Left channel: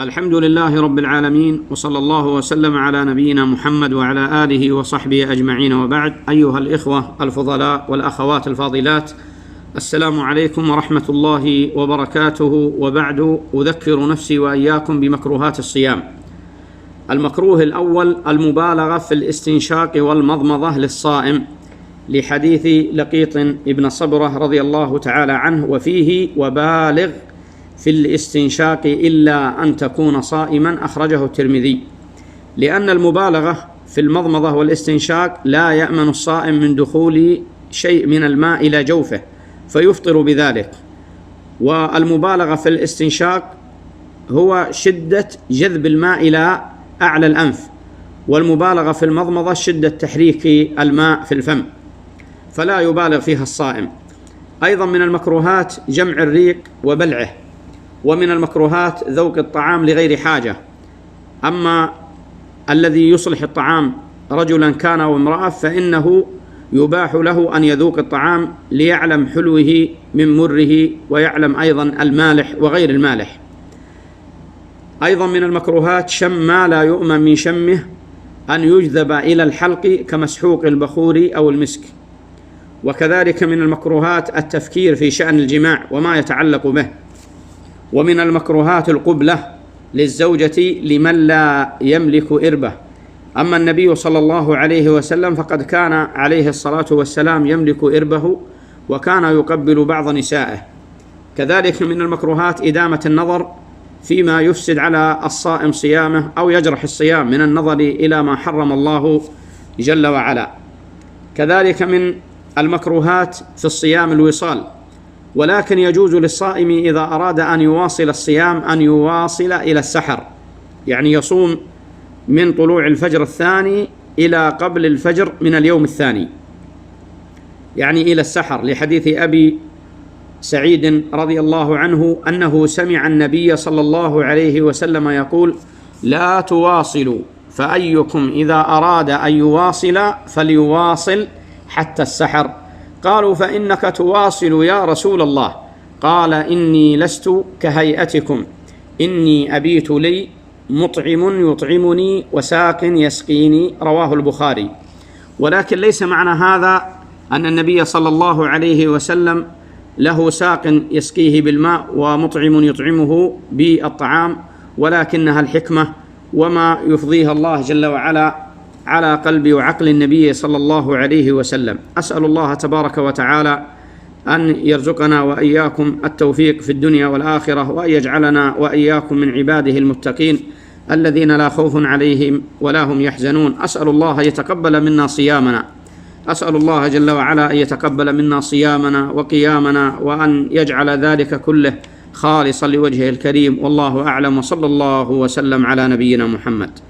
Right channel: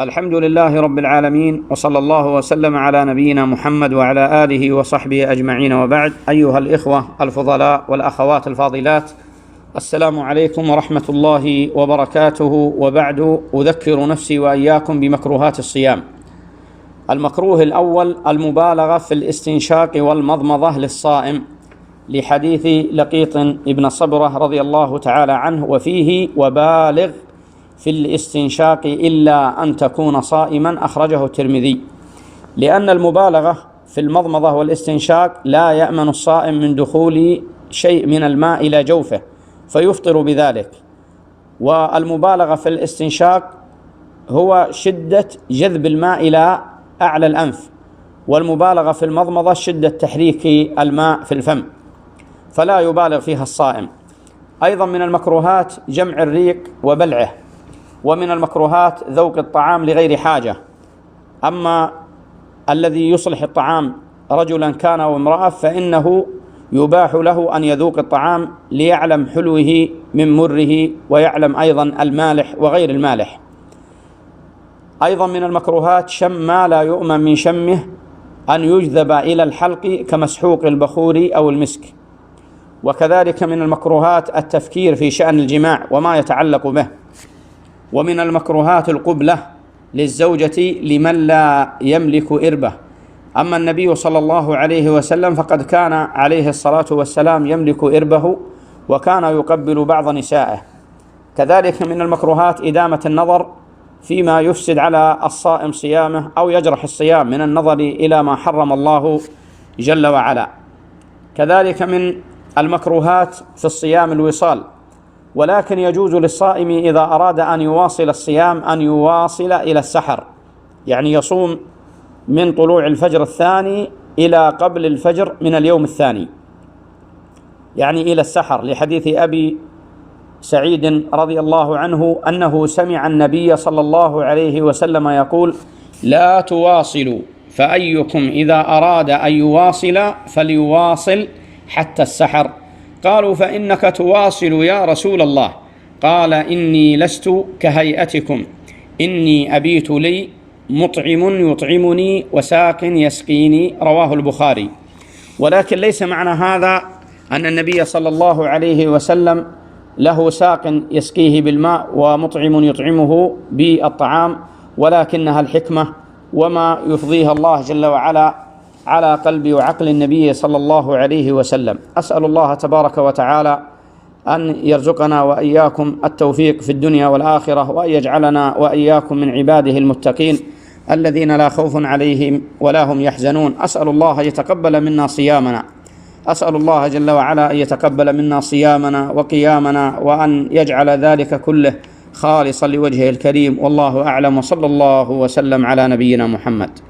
الحمد لله رب العالمين، وصلى الله وسلم على نبينا محمد وعلى آله وصحبه أجمعين، وبعد. أيها الإخوة الفضلاء والأخوات الفاضلات، السلام عليكم ورحمة الله وبركاته. وبعد، أذكر نفسي وإياكم بمكروهات الصيام. المكروه الأول المبالغة في الاستنشاق والمضمضة للصائم، لحديث لقيط ابن صبرة رضي الله تعالى عنه، وفيه: وبالغ في الاستنشاق إلا أن تكون صائما، أخرجه الترمذي. لأن المبالغة في المضمضة والاستنشاق لا يأمن الصائم من دخول شيء من الماء إلى جوفه فيفطر بذلك. والمبالغة في الاستنشاق هو شدة جذب الماء إلى أعلى الأنف، والمبالغة في المضمضة شدة تحريك الماء في الفم، فلا يبالغ فيها الصائم. أيضا من المكروهات جمع الريق وبلعه، ومن المكروهات ذوق الطعام لغير حاجة. أما الذي يصلح الطعام رجلا كان أو امرأة فإنه يباح له أن يذوق الطعام ليعلم حلوه من مره، ويعلم أيضا المالح وغير المالح. أيضا من المكروهات شم ما لا يؤمن من شمه، أن يجذب إلى الحلق كمسحوق البخور أو المسك. وكذلك من المكروهات التفكير في شأن الجماع وما يتعلق به. ومن المكروهات القبلة للزوجة لمن لا يملك إربة. أما النبي صلى الله عليه وسلم فقد كان عليه الصلاة والسلام يملك إربه، وكان يقبل بعض نسائه. كذلك من المكروهات إدامة النظر فيما يفسد على الصائم صيامه أو يجرح الصيام من النظر إلى ما حرم الله جل وعلا. كذلك من المكروهات في الصيام الوصال، ولكن يجوز للصائم إذا أراد أن يواصل الصيام أن يواصل إلى السحر، يعني يصوم من طلوع الفجر الثاني إلى قبل الفجر من اليوم الثاني، يعني إلى السحر، لحديث أبي سعيد رضي الله عنه أنه سمع النبي صلى الله عليه وسلم يقول: لا تواصلوا، فأيكم إذا أراد أن يواصل فليواصل حتى السحر. قالوا: فإنك تواصل يا رسول الله. قال: إني لست كهيئتكم، إني أبيت لي مطعم يطعمني وساق يسقيني، رواه البخاري. ولكن ليس معنى هذا أن النبي صلى الله عليه وسلم له ساق يسقيه بالماء ومطعم يطعمه بالطعام، ولكنها الحكمة وما يفضيها الله جل وعلا على قلب وعقل النبي صلى الله عليه وسلم. أسأل الله تبارك وتعالى أن يرزقنا وإياكم التوفيق في الدنيا والآخرة، وأن يجعلنا وإياكم من عباده المتقين الذين لا خوف عليهم ولا هم يحزنون. أسأل الله يتقبل منا صيامنا، أسأل الله جل وعلا أن يتقبل منا صيامنا وقيامنا، وأن يجعل ذلك كله خالصا لوجهه الكريم. والله أعلم، وصلى الله وسلم على نبينا محمد.